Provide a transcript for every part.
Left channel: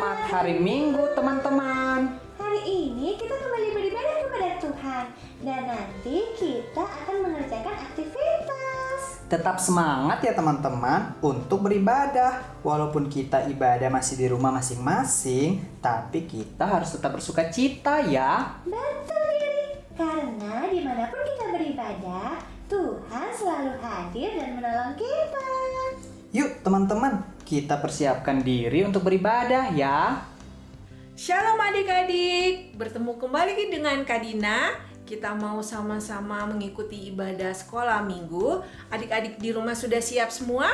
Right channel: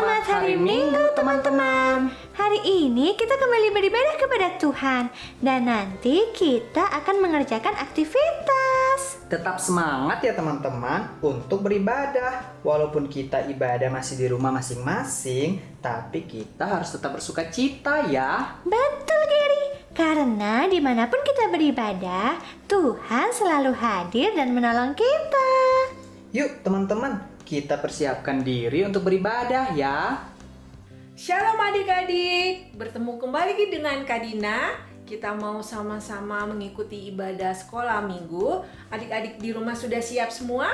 Selamat hari Minggu teman-teman. Hari ini kita kembali beribadah kepada Tuhan dan nanti kita akan mengerjakan aktivitas. Tetap semangat ya teman-teman untuk beribadah. Walaupun kita ibadah masih di rumah masing-masing, tapi kita harus tetap bersuka cita ya. Betul Gary, karena dimanapun kita beribadah, Tuhan selalu hadir dan menolong kita. Yuk teman-teman, kita persiapkan diri untuk beribadah ya. Shalom adik-adik, bertemu kembali dengan Kak Dina. Kita mau sama-sama mengikuti ibadah sekolah minggu. Adik-adik di rumah sudah siap semua?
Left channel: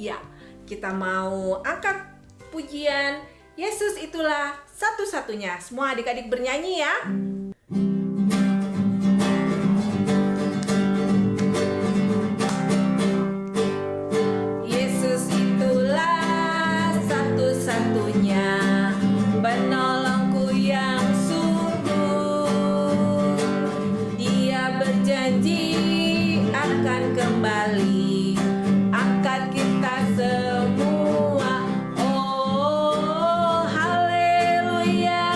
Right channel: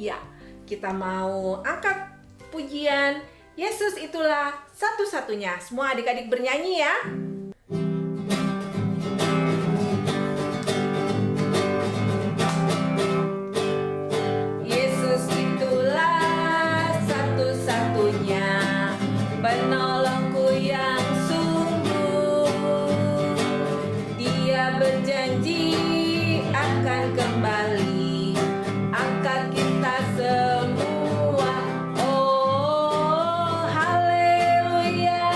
Ya, kita mau angkat pujian Yesus itulah satu-satunya. Semua adik-adik bernyanyi ya. Yesus itulah satu-satunya penolongku yang sungguh. Dia berjanji akan kembali angkat kita semua. Oh haleluya,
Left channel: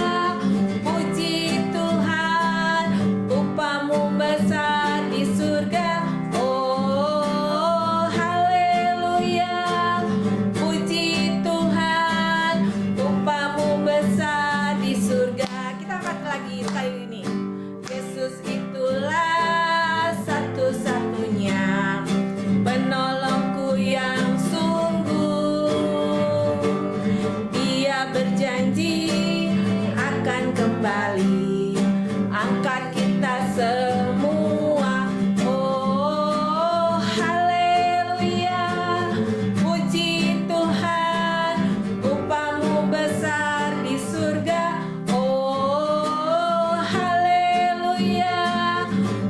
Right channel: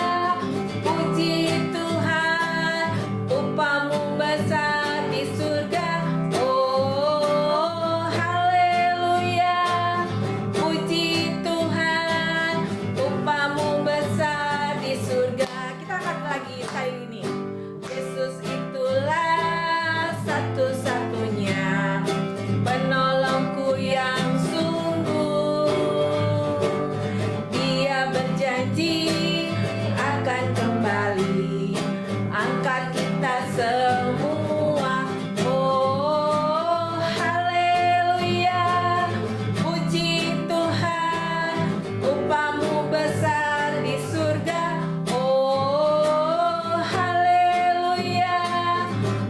puji Tuhan, upamu besar di surga. Oh haleluya, puji Tuhan, upamu besar di surga. Kita angkat lagi file ini. Yesus itulah satu-satunya penolongku yang sungguh. Dia berjanji akan kembali angkat kita semua. Oh haleluya, puji Tuhan, upamu besar di surga. Oh haleluya,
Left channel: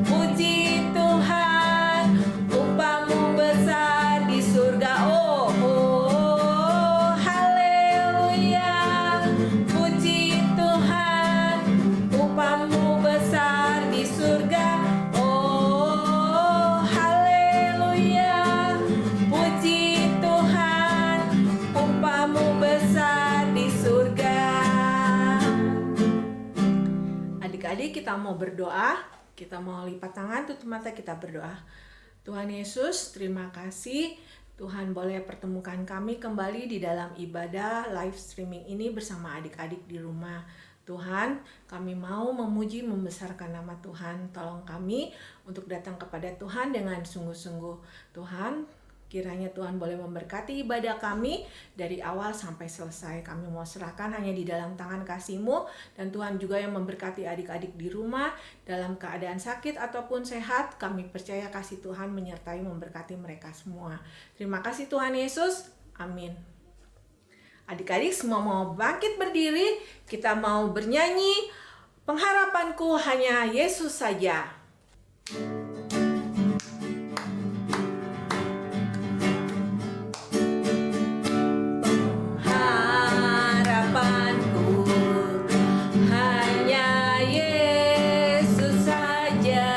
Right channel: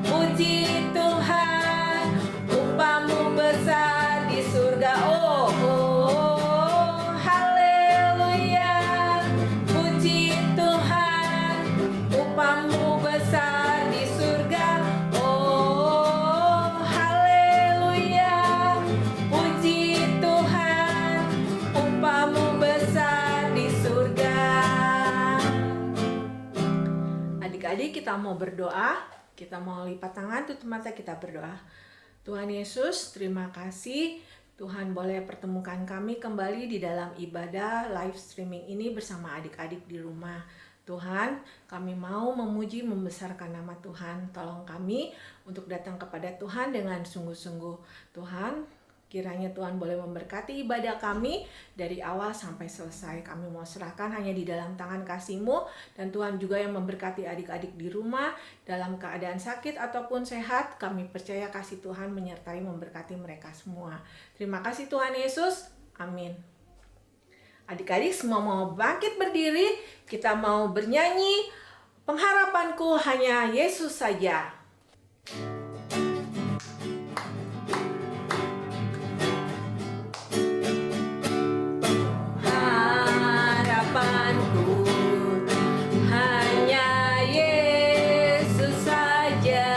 puji Tuhan, upamu besar di surga. Oh haleluya, puji Tuhan, upamu besar di surga. Oh haleluya, puji Tuhan, upamu besar di surga. Adik-adik, kita mau berdoa. Kita mau lipat tangan, tutup mata, kita berdoa. Tuhan Yesus, terima kasih Tuhan boleh pertemukan kami kembali di dalam ibadah live streaming ini bersama adik-adik di rumah. Tuhan, kami mau memuji membesarkan nama Tuhan. Tolong kami untuk datang kepada Tuhan dengan sungguh-sungguh. Tuhan, kiranya Tuhan boleh memberkati ibadah kami dari awal sampai selesai. Kami mau serahkan hanya di dalam tangan kasih-Mu. Dan Tuhan juga yang memberkati adik-adik di rumah dalam keadaan sakit ataupun sehat. Kami percaya kasih Tuhan menyertai memberkati mereka semua. Terima kasih Tuhan Yesus. Amin. Adik-adik semua mau bangkit berdiri. Kita mau bernyanyi. Pengharapanku hanya Yesus saja. Harapanku hanya Yesus saja,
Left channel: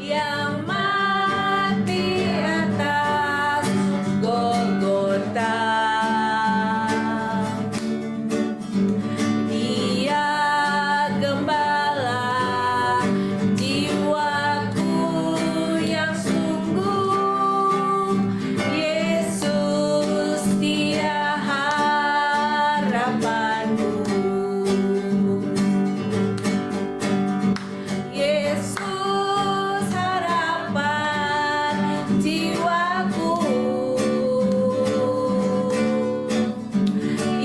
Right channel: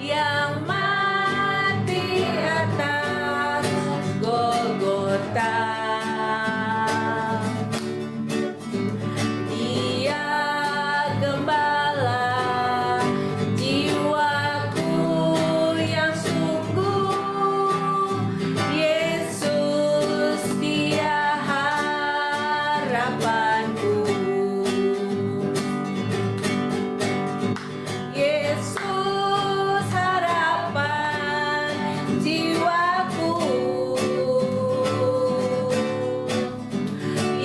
yang mati atas Golgota. Dia gembala jiwaku yang sungguh. Yesus dia harapanku. Yesus harapan jiwaku.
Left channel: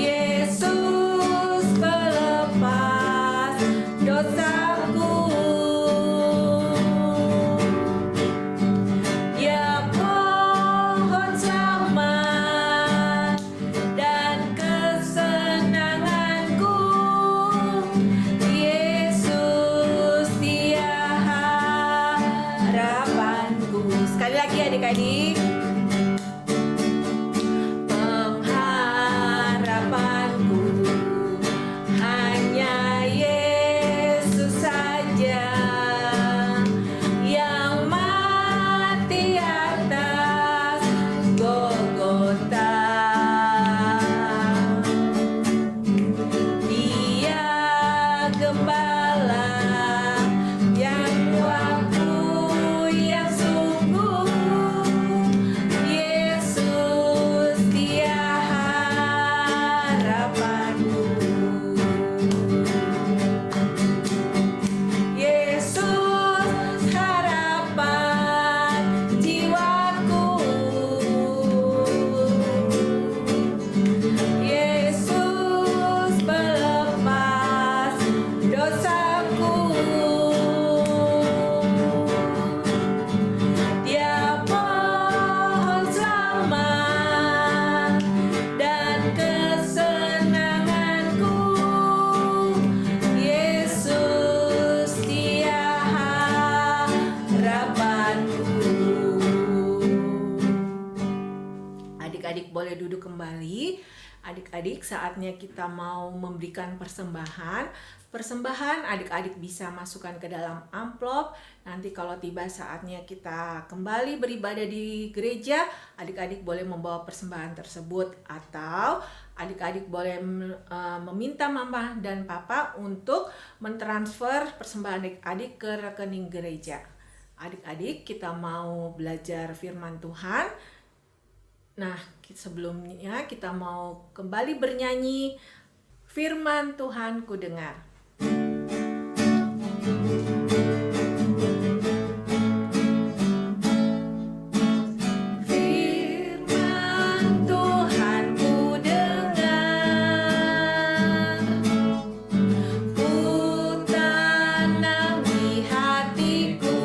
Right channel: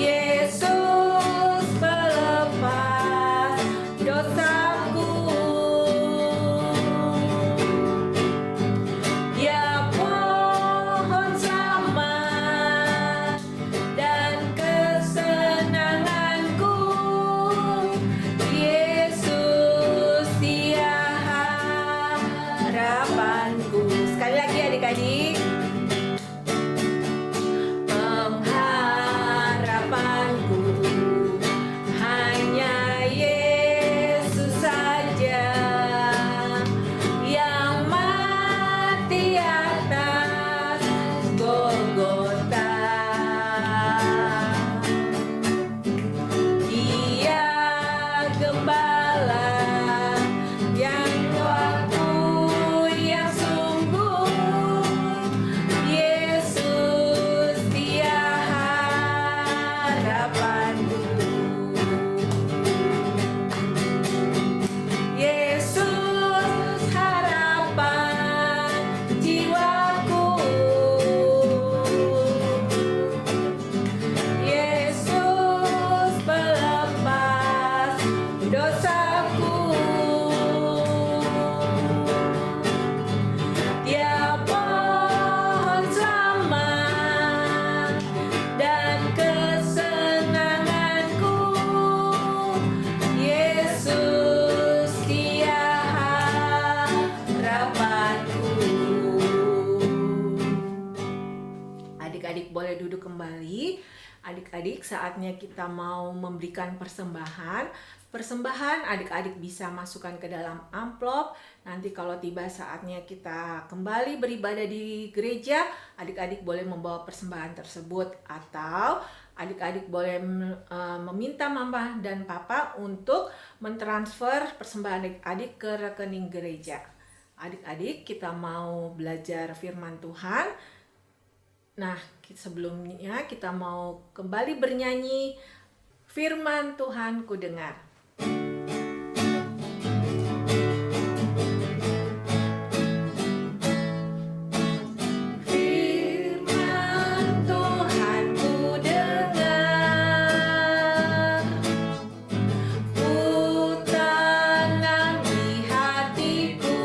Yesus pelepas dosaku. Dia pohon selamat dan kesenanganku. Yesus dia harapanku. Sekali lagi adik-adik. Pengharapanku hanya Yesus saja, yang mati atas Golgota. adik-adik, saatnya kita mau memberikan persembahan. Persembahan adik-adik bisa masukkan ke dalam amplop. Nanti kalau tiba saatnya kita kembali beribadah di gereja, adik-adik boleh membawa persembahan tersebut. Atau adik-adik boleh meminta mama dan papa untuk mentransfer persembahan adik-adik ke rekening gereja. Adik-adik, kita mau belajar firman Tuhan. Nah, sebelumnya kita mau kembali bernyanyi Firman Tuhan ku dengar. Firman Tuhan ku dengar, ku tanam di hatiku,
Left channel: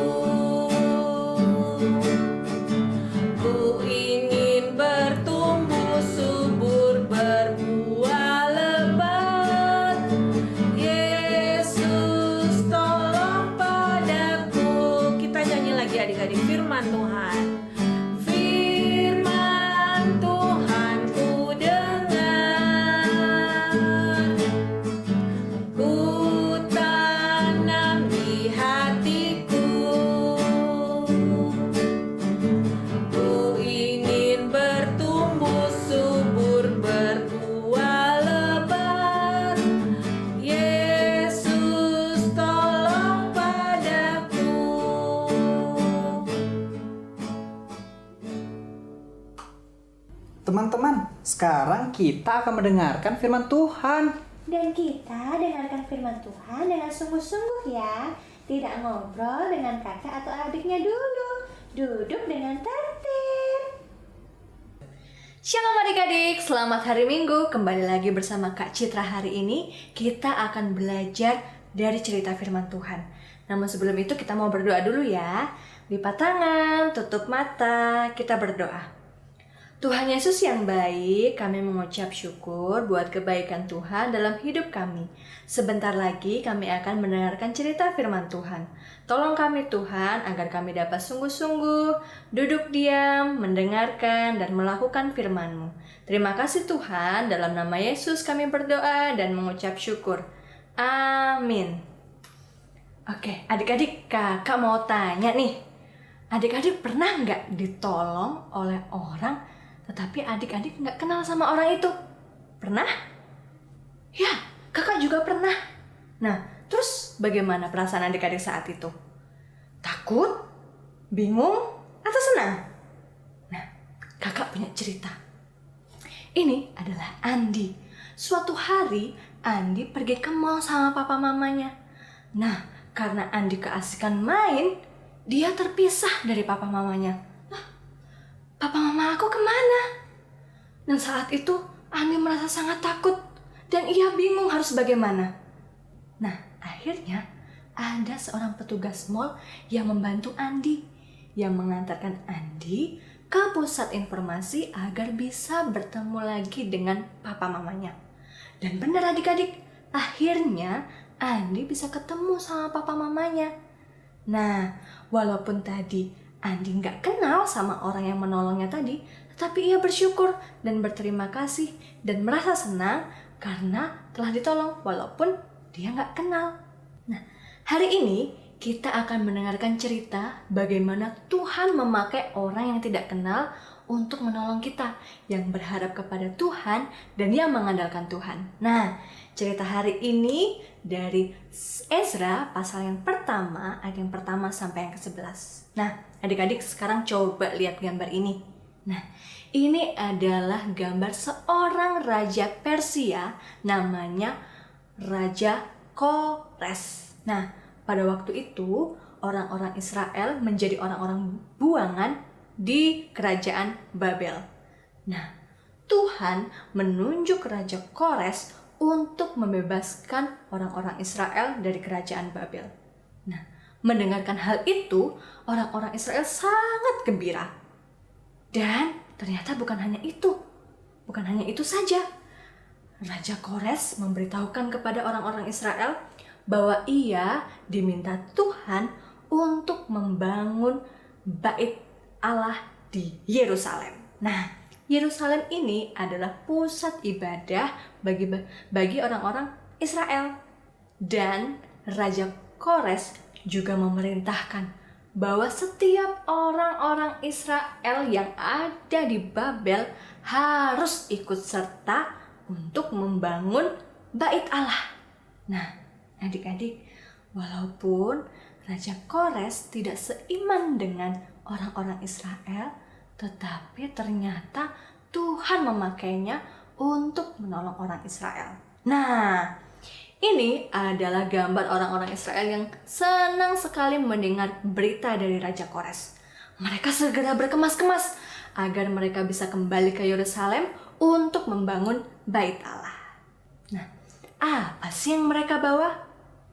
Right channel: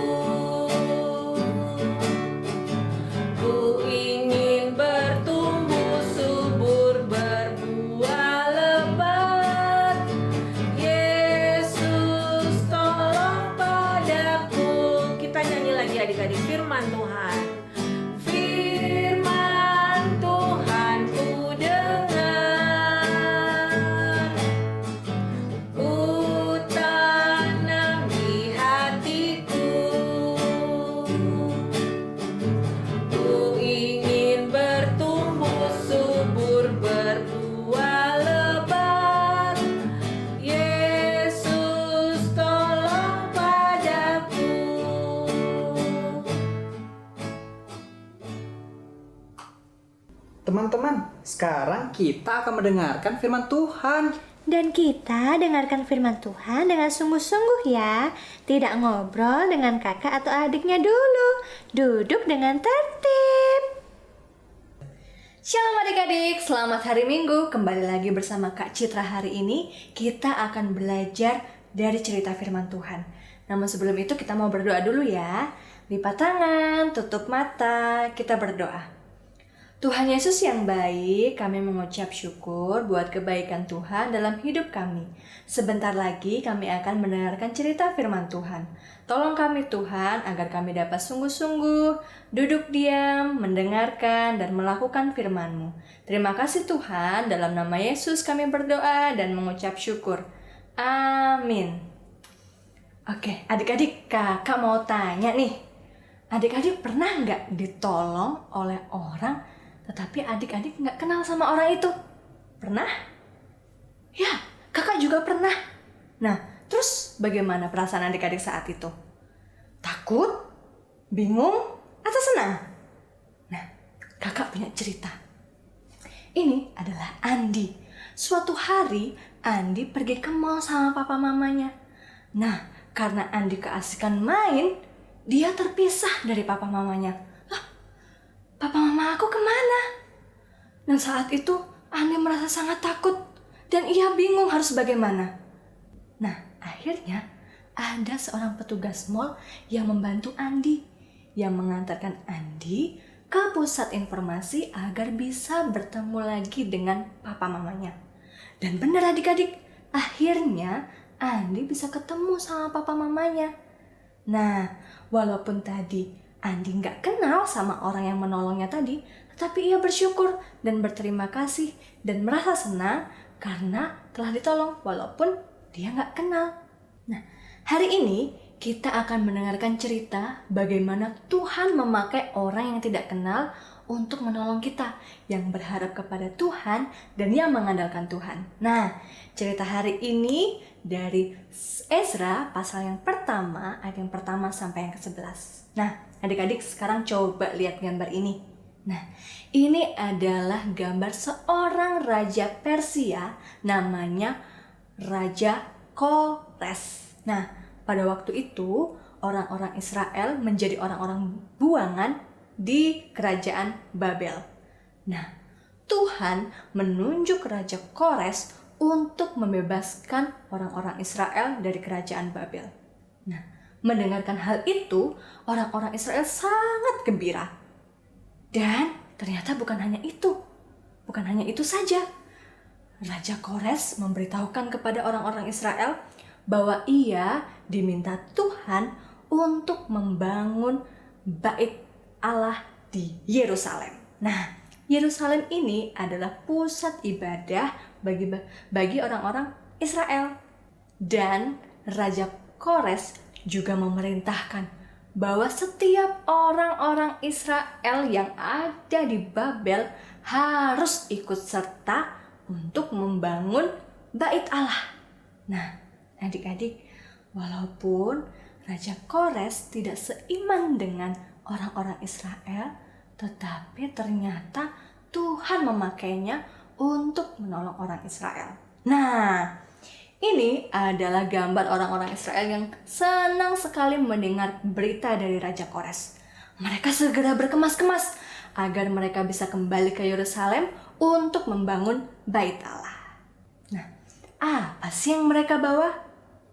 ku ingin bertumbuh subur, berbuah lebat. Yesus tolong padaku. Kita nyanyi lagi adik-adik, firman Tuhan. Firman Tuhan ku dengar, ku tanam di hatiku, ku ingin bertumbuh subur, berbuah lebat. Yesus tolong padaku. Teman-teman, sekarang kita akan mendengarkan firman Tuhan. Dan kita dengarkan firman Tuhan dengan sungguh-sungguh ya. Tidak ngobrol dengan kakak atau adiknya dulu. Duduk dengan tertib. Shalom adik-adik, selamat hari Minggu. Kembali lagi bersama Kak Citra hari ini. Kita akan belajar dari cerita firman Tuhan. Namun sebelum itu kita mau berdoa dulu ya. Lipat tangan, tutup mata, kita berdoa. Tuhan Yesus yang baik, kami mengucap syukur buat kebaikan Tuhan dalam hidup kami. Sebentar lagi kami akan mendengarkan cerita firman Tuhan. Tolong kami Tuhan agar kami dapat sungguh-sungguh duduk diam, mendengarkan dan melakukan firman-Mu. Terima kasih Tuhan, dalam nama Yesus kami berdoa dan mengucap syukur. Amin. Oke, adik-adik, kakak mau tanya nih. Adik-adik pernah nggak ditolong oleh orang tetapi adik-adik nggak kenal sama orang itu? Pernah? Ya, kakak juga pernah. Nah, terus bagaimana perasaan adik-adik saat itu? Takut? Bingung? Atau senang? Nah, kakak punya cerita. Ini adalah Andi. Suatu hari, Andi pergi ke mall sama papa mamanya. Nah, karena Andi keasikan main, dia terpisah dari papa mamanya. Papa mama aku kemana? Dan saat itu Andi merasa sangat takut dan ia bingung harus bagaimana. Nah, akhirnya ada seorang petugas mall yang membantu Andi, yang mengantarkan Andi ke pusat informasi agar bisa bertemu lagi dengan papa mamanya. Dan benar adik-adik, akhirnya Andi bisa ketemu sama papa mamanya. Nah, walaupun tadi Andi nggak kenal sama orang yang menolongnya tadi, tetapi ia bersyukur dan berterima kasih dan merasa senang karena telah ditolong walaupun dia nggak kenal. Nah, hari ini kita akan mendengarkan cerita bagaimana Tuhan memakai orang yang tidak kenal untuk menolong kita, yang berharap kepada Tuhan dan yang mengandalkan Tuhan. Nah, cerita hari ini dari Ezra pasal yang pertama, ayat yang pertama sampai yang ke-11. Nah, adik-adik sekarang coba lihat gambar ini. Nah, ini adalah gambar seorang raja Persia namanya Raja Kores. Nah, pada waktu itu orang-orang Israel menjadi orang-orang buangan di kerajaan Babel. Nah, Tuhan menunjuk Raja Kores untuk membebaskan orang-orang Israel dari kerajaan Babel. Nah, mendengarkan hal itu, orang-orang Israel sangat gembira. Dan ternyata bukan hanya itu saja. Raja Kores memberitahukan kepada orang-orang Israel bahwa ia diminta Tuhan untuk membangun bait Allah di Yerusalem. Nah, Yerusalem ini adalah pusat ibadah bagi orang-orang Israel. Dan Raja Kores juga memerintahkan bahwa setiap orang-orang Israel yang ada di Babel harus ikut serta untuk membangun Bait Allah. Nah, adik-adik, walaupun Raja Kores tidak seiman dengan orang-orang Israel, tetapi ternyata Tuhan memakainya untuk menolong orang Israel. Nah, ini adalah gambar orang-orang Israel yang senang sekali mendengar berita dari Raja Kores. Mereka segera berkemas-kemas agar mereka bisa kembali ke Yerusalem untuk membangun Bait Allah. Nah, apa sih yang mereka bawa?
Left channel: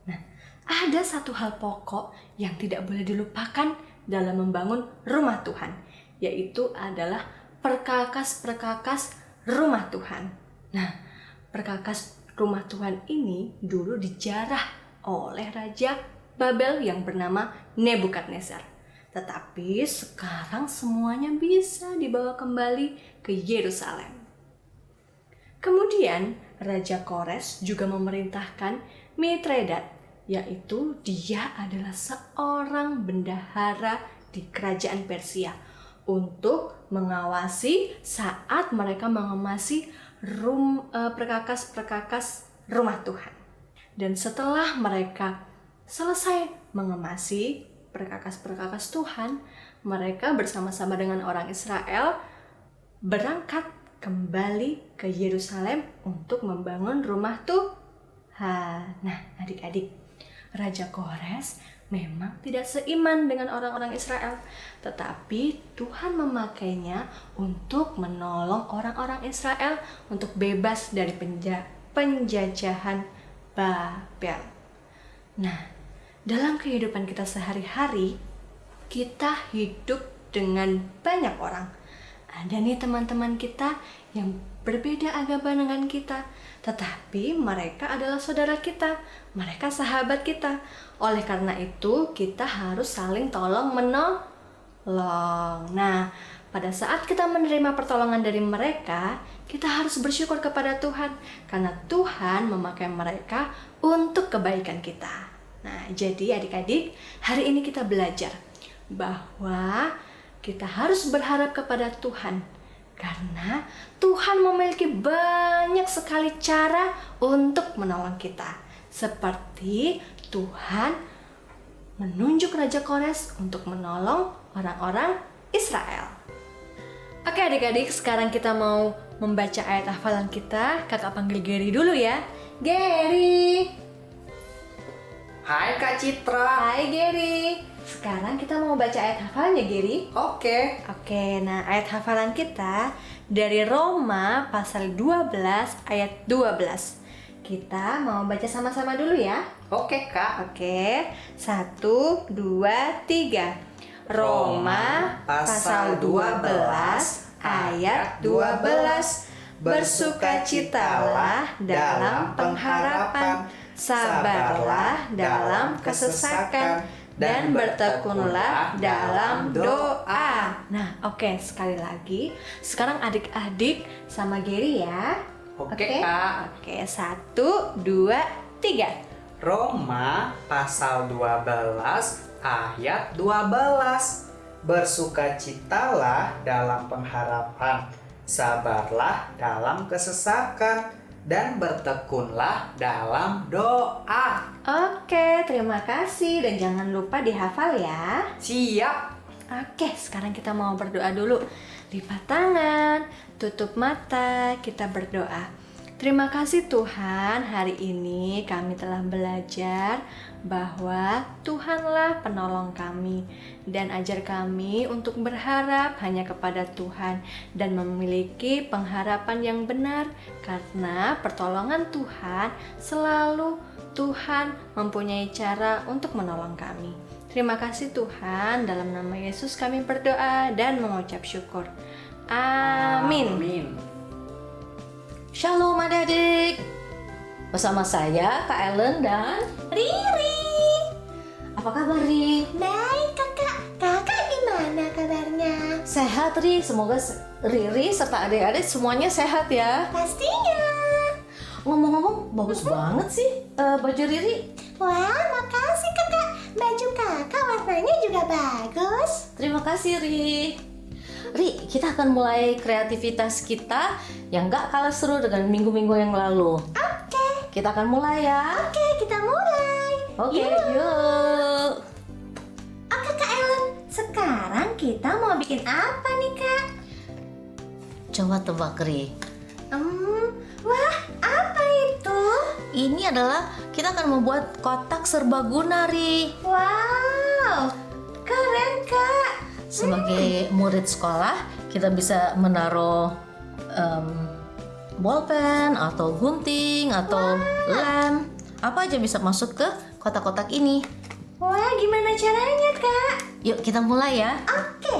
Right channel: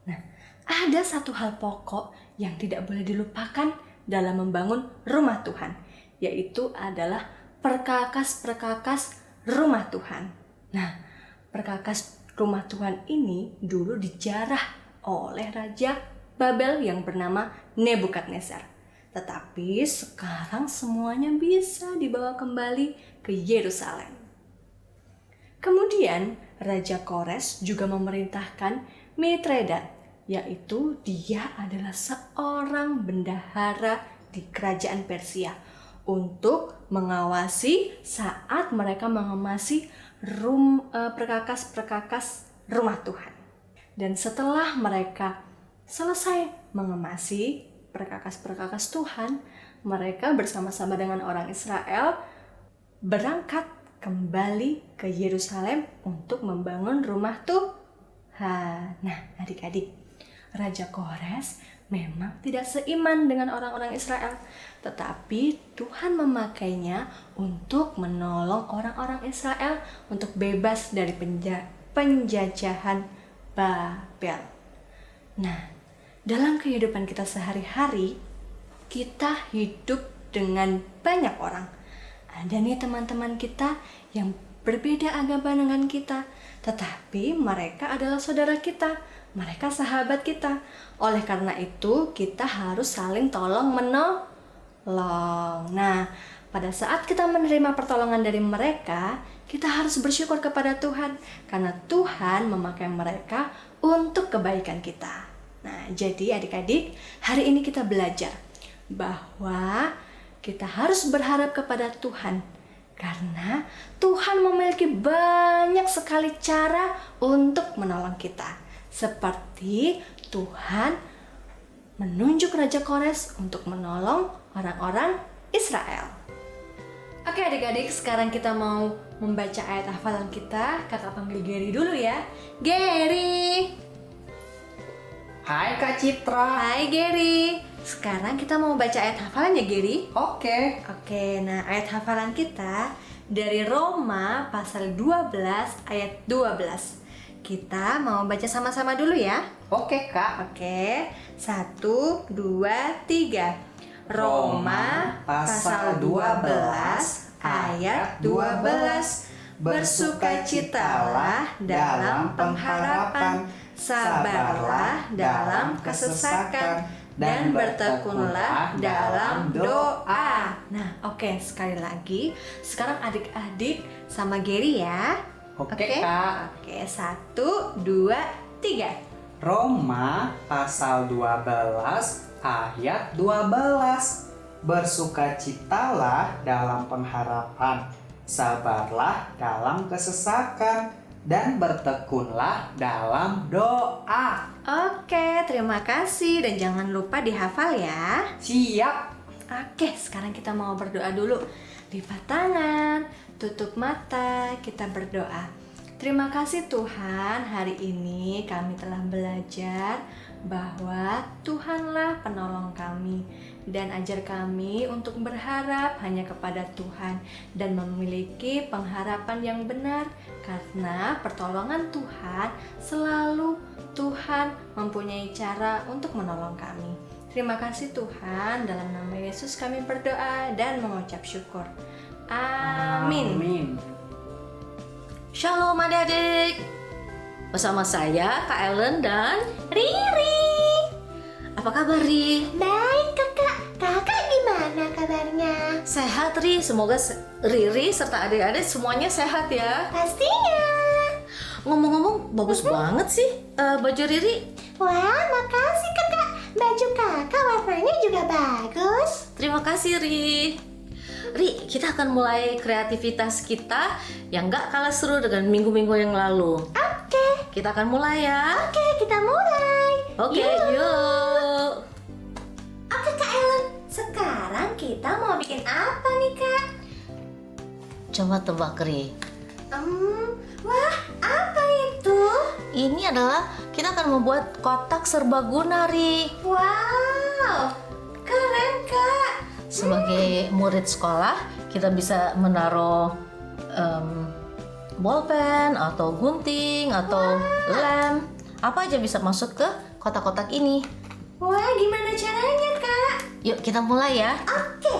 Nah, ada satu hal pokok yang tidak boleh dilupakan dalam membangun rumah Tuhan, yaitu adalah perkakas-perkakas rumah Tuhan. Nah, perkakas rumah Tuhan ini dulu dijarah oleh Raja Babel yang bernama Nebukadnezar. Tetapi sekarang semuanya bisa dibawa kembali ke Yerusalem. Kemudian Raja Kores juga memerintahkan Mitredat, yaitu dia adalah seorang bendahara di kerajaan Persia, untuk mengawasi saat mereka mengemasi perkakas-perkakas rumah Tuhan. Dan setelah mereka selesai mengemasi perkakas-perkakas Tuhan, mereka bersama-sama dengan orang Israel berangkat kembali ke Yerusalem untuk membangun rumah Tuhan. Nah, adik-adik, Raja Kores memang tidak seiman dengan orang-orang Israel, tetapi Tuhan memakainya untuk menolong orang-orang Israel untuk bebas dari penjajahan Babel. Nah, dalam kehidupan kita sehari-hari, kita hidup dengan banyak orang. Ada nih teman-teman kita yang berbeda agama dengan kita, tetapi mereka adalah saudara kita, mereka sahabat kita. Oleh karena itu, kita harus saling tolong-menolong. Nah, pada saat kita menerima pertolongan dari mereka, kita harus bersyukur kepada Tuhan, karena Tuhan memakai mereka untuk kebaikan kita. Nah, jadi adik-adik, hari ini kita belajar bahwa kita harus berharap kepada Tuhan, karena Tuhan memiliki banyak sekali cara untuk menolong kita. Seperti Tuhan menunjuk Raja Kores untuk menolong orang-orang Israel. Oke adik-adik, sekarang kita mau membaca ayat hafalan kita. Kata panggil Gary dulu ya. Gary. Hai Kak Citra. Hai Gary. Sekarang kita mau baca ayat hafalan ya Gary. Oke. Oke, nah ayat hafalan kita dari Roma pasal 12 ayat 12. Kita mau baca sama-sama dulu ya. Oke Kak. Oke, 1, 2, 3. Roma pasal 12 ayat 12. Bersukacitalah dalam pengharapan, sabarlah dalam kesesakan, dan bertekunlah dalam doa. Nah, oke, sekali lagi. Sekarang adik-adik sama Gary ya. Oke, Kak. Oke, 1, 2, 3. Roma pasal 12 ayat 12. Bersukacitalah dalam pengharapan, sabarlah dalam kesesakan, dan bertekunlah dalam doa. Oke, terima kasih dan jangan lupa dihafal ya. Siap. Oke, sekarang kita mau berdoa dulu. Lipat tangan, tutup mata, kita berdoa. Terima kasih Tuhan, hari ini kami telah belajar bahwa Tuhanlah penolong kami, dan ajar kami untuk berharap hanya kepada Tuhan dan memiliki pengharapan yang benar, karena pertolongan Tuhan selalu Tuhan mempunyai cara untuk menolong kami. Terima kasih Tuhan, dalam nama Yesus kami berdoa dan mengucap syukur. Amin. Shalom adik-adik. Bersama saya Kak Ellen dan Riri. apa kabar Ri? Baik kakak. Kakak gimana kabarnya? Sehat Ri, semoga Riri serta adik-adik semuanya sehat ya. Pastinya. Ngomong-ngomong, bagus banget sih baju Riri. Wah, makasih kakak. Baju kakak warnanya juga bagus. Terima kasih Ri. Ri, kita akan mulai kreativitas kita yang gak kalah seru dengan minggu-minggu yang lalu. Oke, Kita akan mulai ya. oke, kita mulai. Oke, Yuk. yuk. Oke Kak Ellen, sekarang kita mau bikin apa nih Kak? Coba tebak Ri. Wah, apa itu? Ini adalah kita akan membuat kotak serbaguna Ri. Wow, keren Kak. Sebagai murid sekolah, kita bisa menaruh bolpen atau gunting atau lem. Apa aja bisa masuk ke kotak-kotak ini. Wah, gimana caranya Kak? Yuk kita mulai ya. Oke,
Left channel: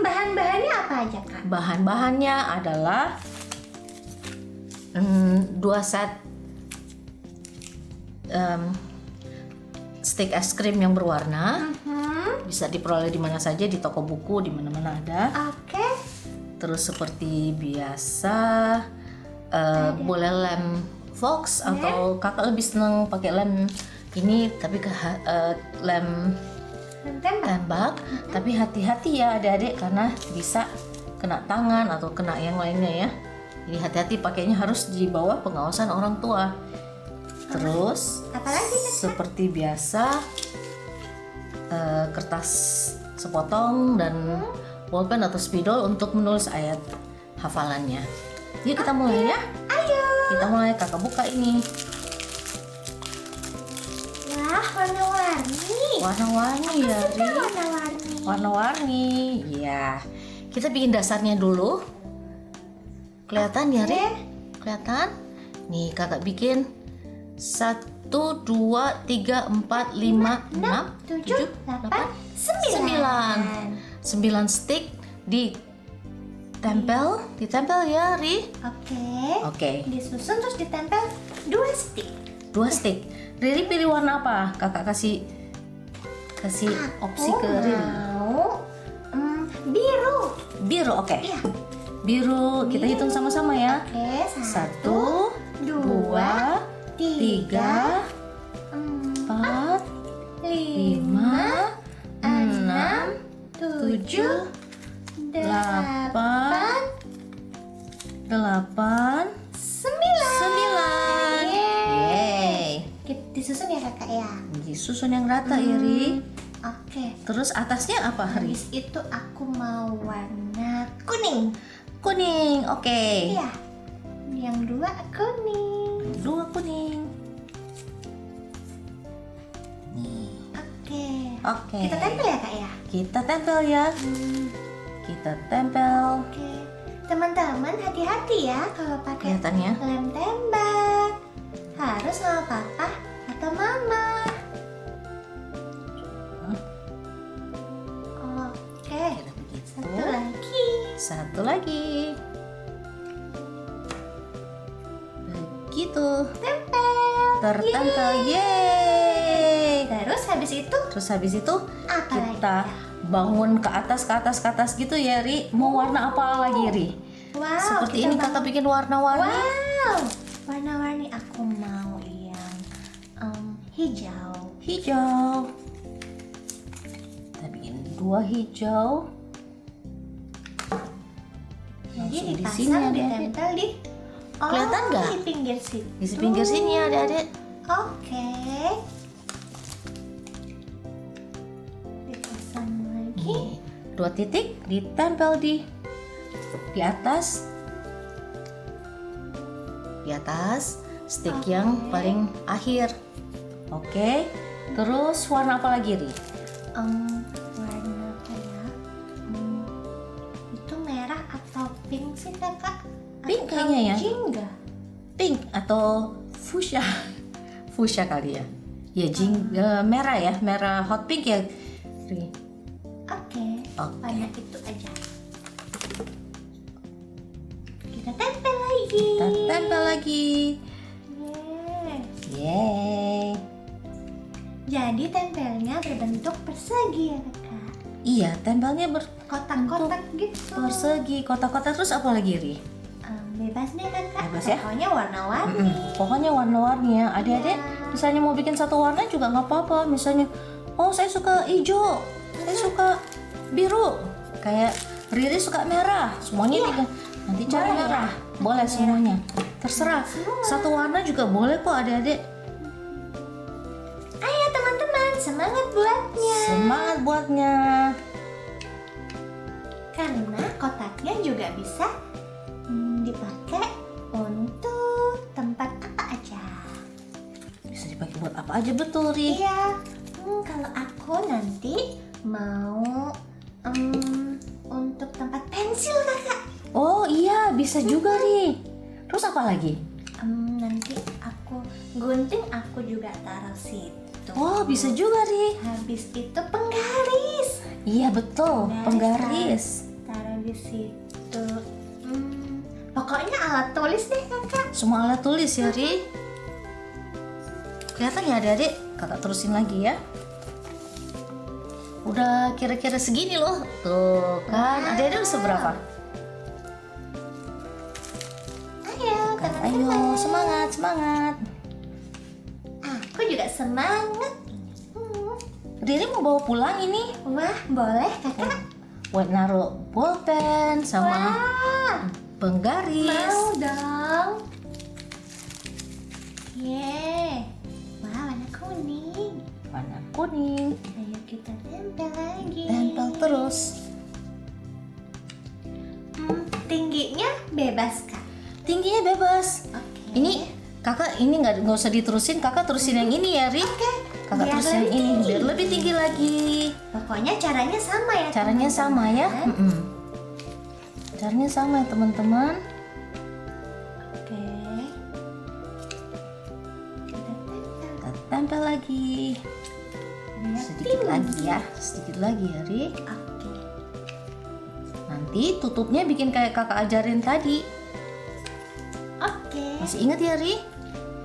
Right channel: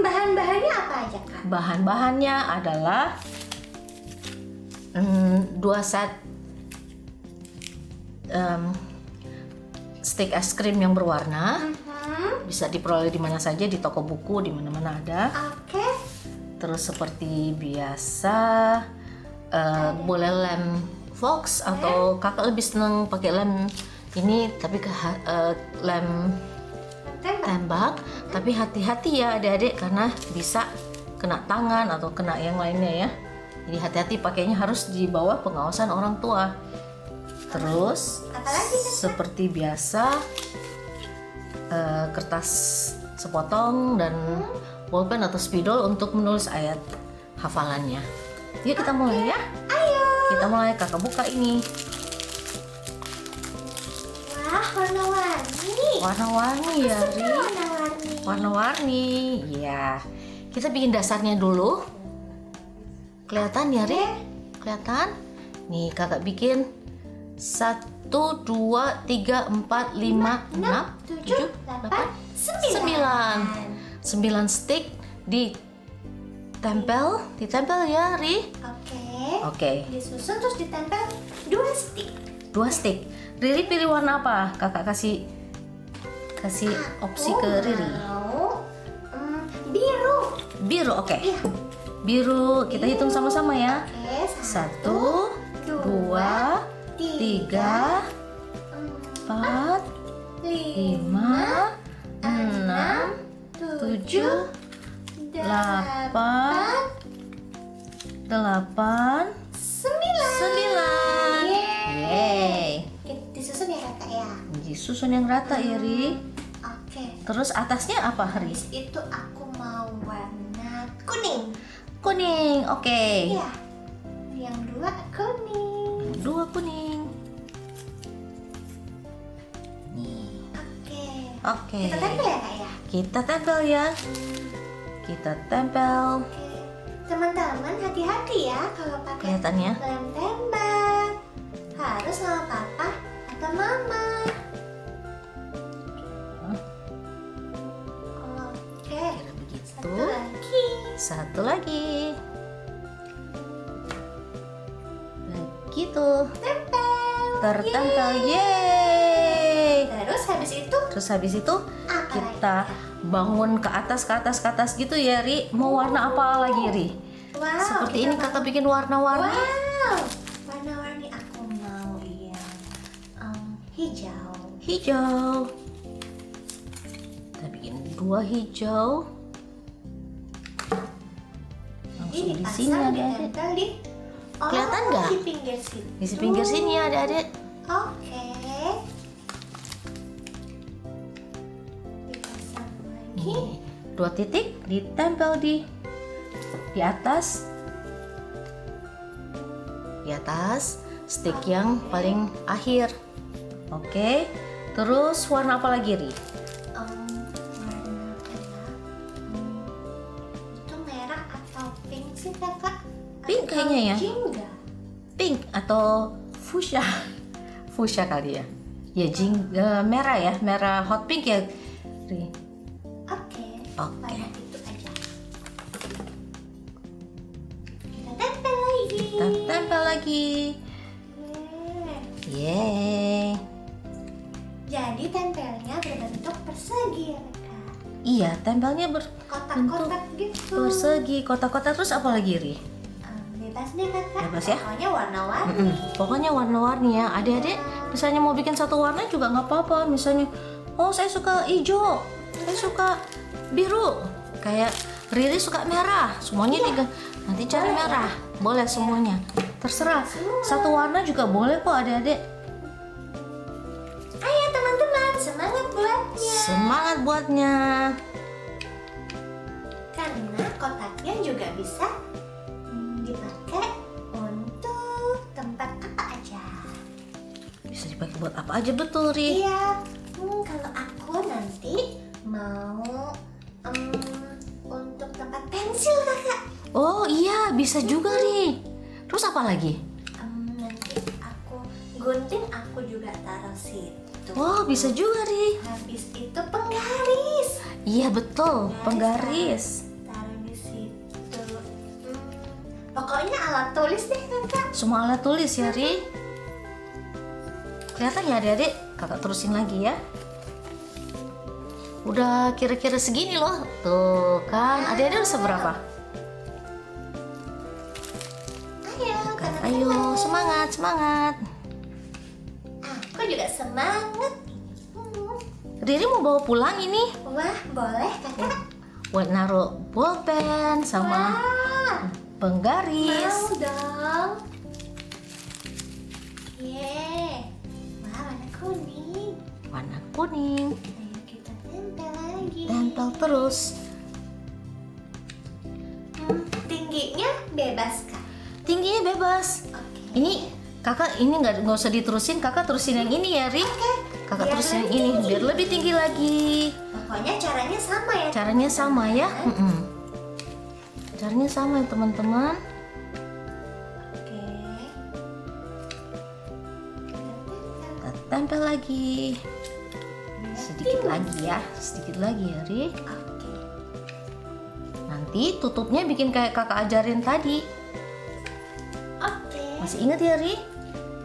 bahan-bahannya apa aja Kak? Bahan-bahannya adalah 2 set stick es krim yang berwarna. Bisa diperoleh di mana saja, di toko buku, di mana-mana ada. Oke, Terus seperti biasa boleh lem Fox atau kakak lebih seneng pakai lem ini, tapi lem tembak. tembak. Tapi hati-hati ya adik-adik karena bisa kena tangan atau kena yang lainnya ya. Jadi hati-hati pakainya, harus di bawah pengawasan orang tua. Terus Apalagi, seperti biasa kertas sepotong dan bolpen atau spidol untuk menulis ayat hafalannya. Yuk kita mulai ya. Ayo. Kita mulai, kakak buka ini. Wah, warna-warni. Warna-warni ya Ri. Warna-warni. Warna-warni. Iya. Kita bikin dasarnya dulu. Kelihatan ya Ri? Kelihatan? Nih kakak bikin 1, 2, 3, 4, 5, 6, 7, 8, 9 stick ditempel ya Ri. Oke. Disusun terus ditempel 2 stick. 2 stick. Riri pilih warna apa? Kakak kasih opsi ke Riri. Mau biru. Biru, oke. Iya. Biru, kita hitung sama-sama ya. Oke, 1, 2, 3, 4, 5, 6, 7, 8, 9. Yeay. Disusun ya kakak ya. Disusun yang rata ya Ri. Oke. Terus atasnya apa Ri? Habis itu aku mau warna kuning. Kuning, oke. Iya. Yang 2 kuning. 2 kuning. Nih, Oke. oke. Kita tempel ya kak ya. Kita tempel ya. Kita tempel. Oke. Teman-teman hati-hati ya kalau pakai Kelihatannya. lem tembak. Harus sama papa atau mama. Oke. Kira begitu. Satu lagi. Satu lagi. Begitu. Tertempel. Yeay. Terus habis itu apa Kita lagi? bangun ke atas gitu ya Ri. Mau warna apa lagi Ri? Wow, Seperti kita ini kakak bikin warna-warni. Wow, warna-warni aku mau yang hijau. Hijau. Kita bikin 2 hijau. Langsung di sini dipasang, adik-adik. ditempel di Kelihatan nggak? di pinggir situ. Di pinggir sini ya adik-adik. Oke. Dipasang lagi. Nih, 2 titik ditempel di atas. Di atas stick yang paling akhir. Oke. Terus warna apa lagi Ri? Warna kayak itu merah atau pink sih kakak? Pink Atau kayaknya ya. jingga? Pink atau fuchsia? Fuchsia kali ya. Ya merah ya, merah hot pink ya Ri. Oke. Oke. Warna itu aja. Kita tempel lagi. Kita tempel lagi. Yeay. Yeay. Jadi tempelnya berbentuk persegi ya kakak. Iya, tempelnya Kotak-kotak gitu. persegi, kotak-kotak. Terus apa lagi, Ri? Bebas deh kakak. Bebas ya? Pokoknya warna-warni. Pokoknya warna-warni ya. Adik-adik misalnya mau bikin satu warna juga nggak apa-apa. Misalnya, oh saya suka hijau, saya suka biru, kayak Riri suka merah. Semuanya juga nanti cari merah. Boleh semuanya. Terserah. Satu warna juga boleh kok adik-adik. Ayo teman-teman, semangat buatnya. Semangat buatnya. Karena kotaknya juga bisa dipakai untuk tempat apa aja. Bisa dipakai buat apa aja, betul, Ri? Iya, kalau aku nanti mau untuk tempat pensil kakak. Oh iya, bisa juga, Ri. Terus apa lagi? Nanti aku gunting, aku juga taruh situ. Oh, bisa juga, Ri. Habis itu penggaris, Iya, betul. Penggaris. taruh di situ. Pokoknya alat tulis deh kakak. Semua alat tulis ya, Ri. Kelihatan nggak adik-adik? Kakak terusin lagi ya. Udah kira-kira segini loh. Tuh kan, adik-adik udah seberapa? Ayo, Kan, ayo, semangat, semangat. aku juga semangat. Riri mau bawa pulang ini. Wah, boleh kakak. Buat naruh bolpen sama Wah, penggaris. mau dong. Yeay. Wah, warna kuning. Warna kuning. Ayo kita tempel lagi. Tempel terus. Tingginya bebas kak. Tingginya bebas. Oke. Ini kakak ini nggak usah diterusin, kakak terusin yang ini ya, Ri. Kakak Biar terusin yang lebih ini tinggi. biar lebih tinggi lagi. Pokoknya caranya sama ya. Caranya sama ya. Caranya sama ya teman-teman. Oke. Kita tempel lagi. Sedikit lagi ya, sedikit lagi ya, Ri. Oke. Nanti tutupnya bikin kayak kakak ajarin tadi. Oke. Masih ingat ya, Ri?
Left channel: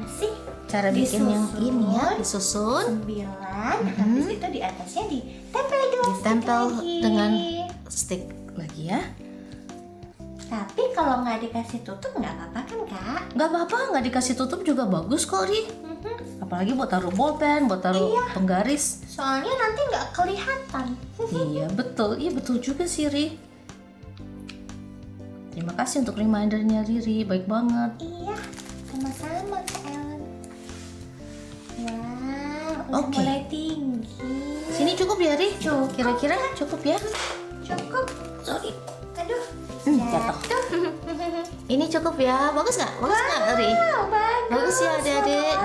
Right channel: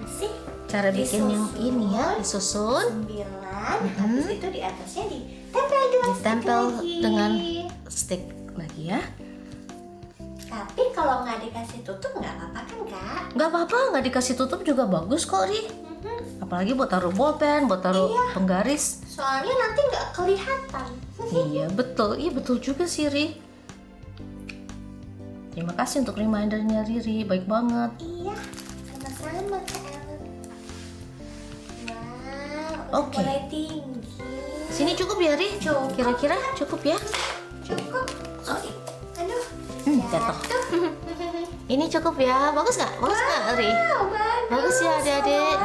Masih Cara bikin yang ini ya, disusun, 9. Habis itu di atasnya ditempel dua stick ditempel lagi. dengan stick lagi ya. Tapi kalau nggak dikasih tutup nggak apa-apa kan kak? Nggak apa-apa, nggak dikasih tutup juga bagus kok, Ri. Apalagi buat taruh bolpen, buat taruh penggaris. Soalnya nanti nggak kelihatan. Iya betul juga sih, Ri. Terima kasih untuk remindernya, Riri, baik banget. Iya, sama-sama kak Ellen. Wow, udah Oke. mulai tinggi. Sini cukup ya, Ri? Cukup. Kira-kira cukup ya? Cukup. Aduh. Jatuh. Ini cukup ya, bagus nggak? Bagus nggak, Ri? Bagus ya, adik-adik.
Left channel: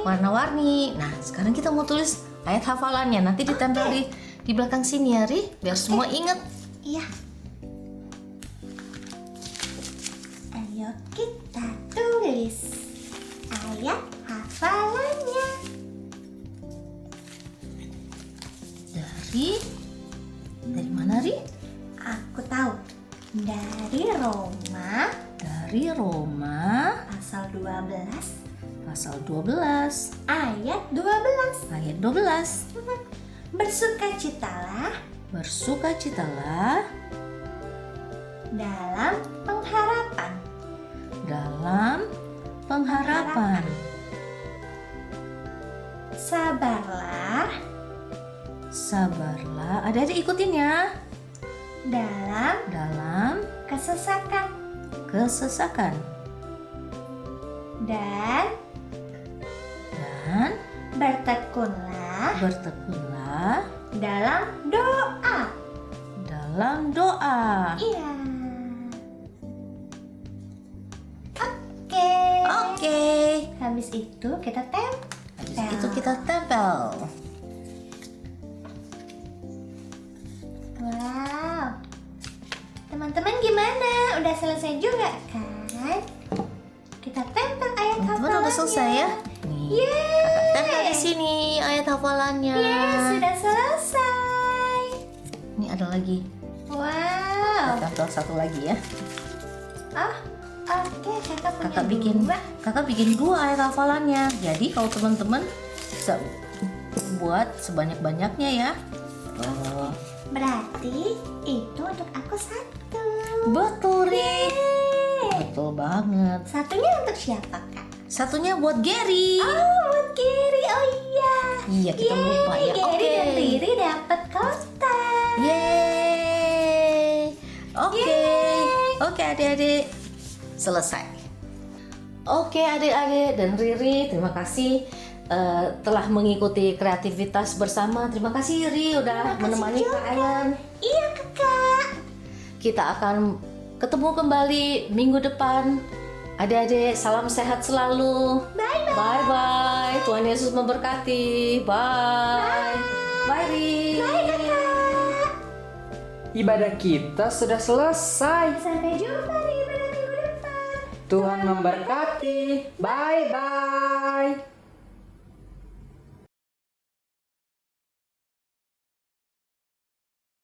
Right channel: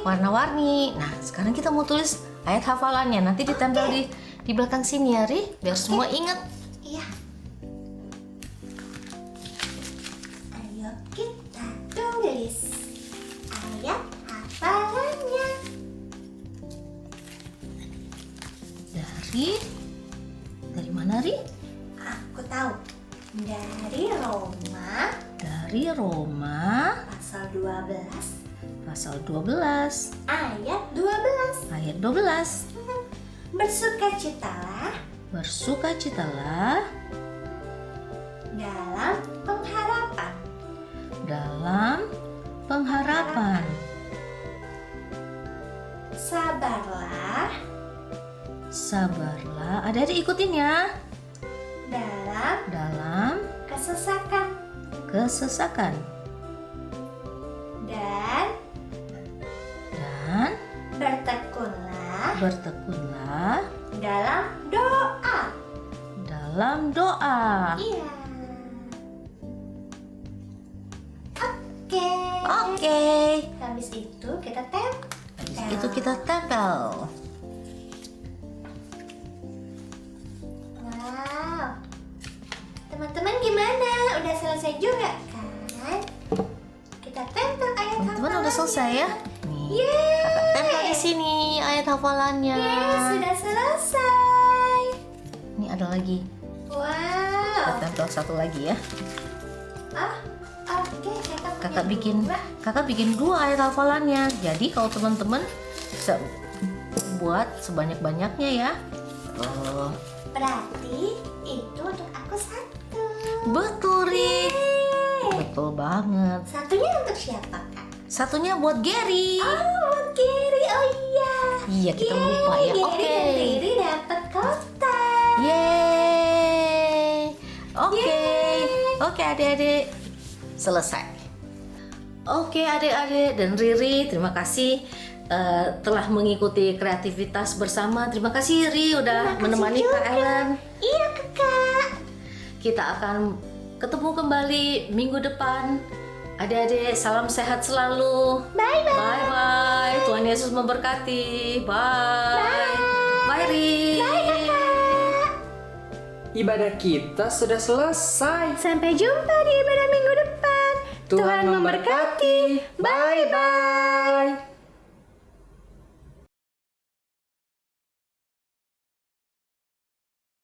Warna-warni. Nah, sekarang kita mau tulis ayat hafalannya. Nanti ditempel di belakang sini ya, Ri, biar semua ingat. Iya. Ayo kita tulis ayat hafalannya. Dari mana, Ri? Aku tahu. Dari Roma Dari Roma pasal 12 pasal 12 ayat 12. ayat 12. Bersukacitalah Bersukacitalah dalam pengharapan. dalam pengharapan. Sabarlah Sabarlah. Adik-adik ikutin ya. dalam Dalam kesesakan kesesakan. dan Dan bertekunlah bertekunlah dalam doa. dalam doa. Iya. Oke. Oke. Habis itu kita tempel. Habis itu kita tempel. Wow. Teman-teman gimana? Udah selesai juga kan? Kita tempel ayat Teman-teman udah hafalannya. selesai ya? Nih, Yeay. kakak tempel di sini ayat hafalannya. Yes, sudah selesai. Ini ada lagi. Wow. Kita tempel satu lagi ya. Oke, Kakak bikin dua ayat hafalannya. Jadi kalau teman-teman bisa buat sebanyak-banyaknya ya. Oh, Berarti itu untuk aku satu. betul, Ri. Betul banget. Satunya untuk siapa, Kak? Satunya buat Gary. Oh, buat Gary. Oh iya. Iya, kita lupa ya. Gary Oke. dan Riri dapat kotak. Yeay. Oke. Oke, adik-adik. Selesai. Oke, adik-adik dan Riri, terima kasih telah mengikuti kreativitas bersama. Terima kasih Riri udah menemani Kak Ellen. Iya, Kakak. Kita akan ketemu kembali minggu depan. Adik-adik, salam sehat selalu. Bye-bye. Bye-bye. Tuhan Yesus memberkati. Bye. Bye, Ri. Ibadah kita sudah selesai. Sampai jumpa di ibadah minggu depan. Tuhan memberkati. Bye-bye.